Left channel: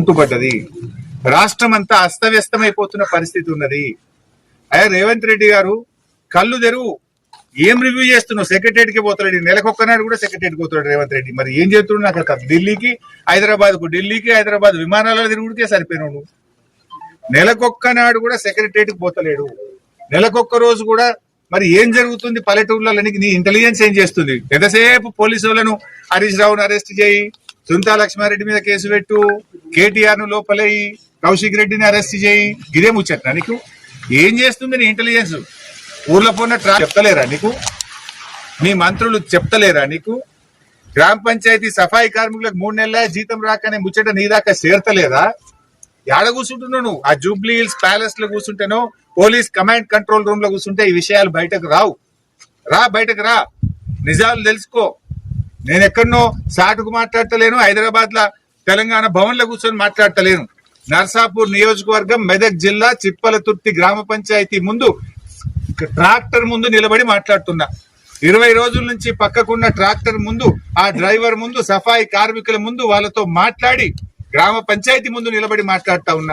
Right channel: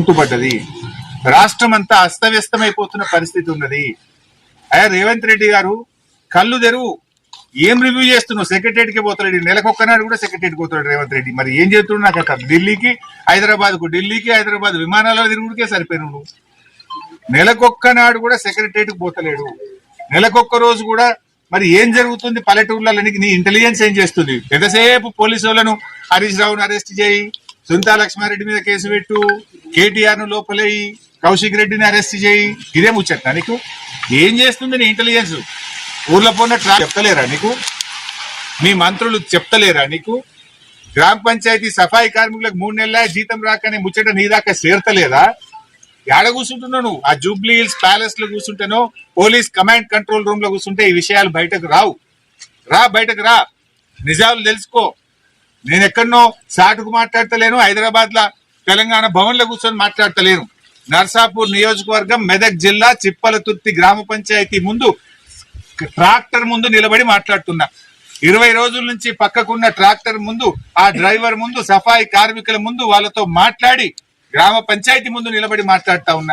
కుంటుపడ్డది. రాష్ట్రం అంతా అస్తవ్యస్తమైపోతున్న పరిస్థితి ఉన్నది. అయ్యా రేవంత్ రెడ్డి గారు కళ్ళు తెరువు. ఏం రివ్యూ చేస్తున్నావు? సెక్రటరియట్ కి పోతాడు, నెలకొక్కనాడు కూడా సెక్రటరియట్ పోతాడు రేవంత్ రెడ్డి. మరి ఏం చేస్తున్నాడు? నాకు అక్కడ ఢిల్లీకి హైదరాబాద్ విమానాలలో తిరుగుడికే సరిపోయినావు నువ్వు. నెలకొక్కనాడు కూడా సెక్రటరియట్ కి పోతలేడు. నెలకొక్క రోజు కూడా మరి ఏం జరుగుతుంది పల్లెటూర్లలో? నీ ఇంటెలిజెన్స్ ఏం చేస్తుంది? ఎంతసేపు పోలీసు వాళ్ళను హరీష్ రావును అరెస్ట్ చేయి, సుంతా లక్ష్మారెడ్డి మీద కేసు పెట్టు, కేటీఆర్ ను లోపలేయి, కౌశిక్ రెడ్డిని అరెస్ట్ చేయి, ఇదే ముచ్చట్నా నీకు? ఏం చేస్తుంది నీ ఇంటెలిజెన్స్? ఊర్లో పోన్న చెప్తలేరా నీకు? మీ మంత్రులు చెప్తలేరా నీకు? గ్రామ పంచాయతీ సఫాయి కార్మికులకు 3 నెలల జీతం రాకనే ముచ్చట నీ దాకా చేరతలేదా? ఏడ కూర్చుంటున్నావు నువ్వు? ఆ జూబ్లీ హిల్స్ ప్యాలెస్ లో కూర్చుంటేనో పోలీస్ కమాండ్ కంట్రోల్ రూమ్ లో కూర్చుంటే ఈ విషయాలు బయటకు రావు. బయటకు రా, నిజాలు తెలుసుకో. నేను ఎక్కడనో సాటుకు మాట్లాడతలేను, హైదరాబాద్ లా తెలంగాణ భవన్ లో కూర్చొని మాట్లాడతలేను. నర్సాపూర్ నియోజకవర్గం మెదక్ జిల్లా చిప్పలతుర్తి గ్రామ పంచాయతీ ముందు ట్రాక్టర్ ముందు నిలబడి మాట్లాడుతున్నా. 20 రోజుల నుంచి పక్కకున్న ట్రాక్టర్ ముందు, ఆ డ్రైవర్ ముందు, సఫాయి కార్మికుల ముందు వాళ్ళతో మాట్లాడి గ్రామ పంచాయతీ ముందు నిలబడి మాట్లాడుతా ఉన్నా.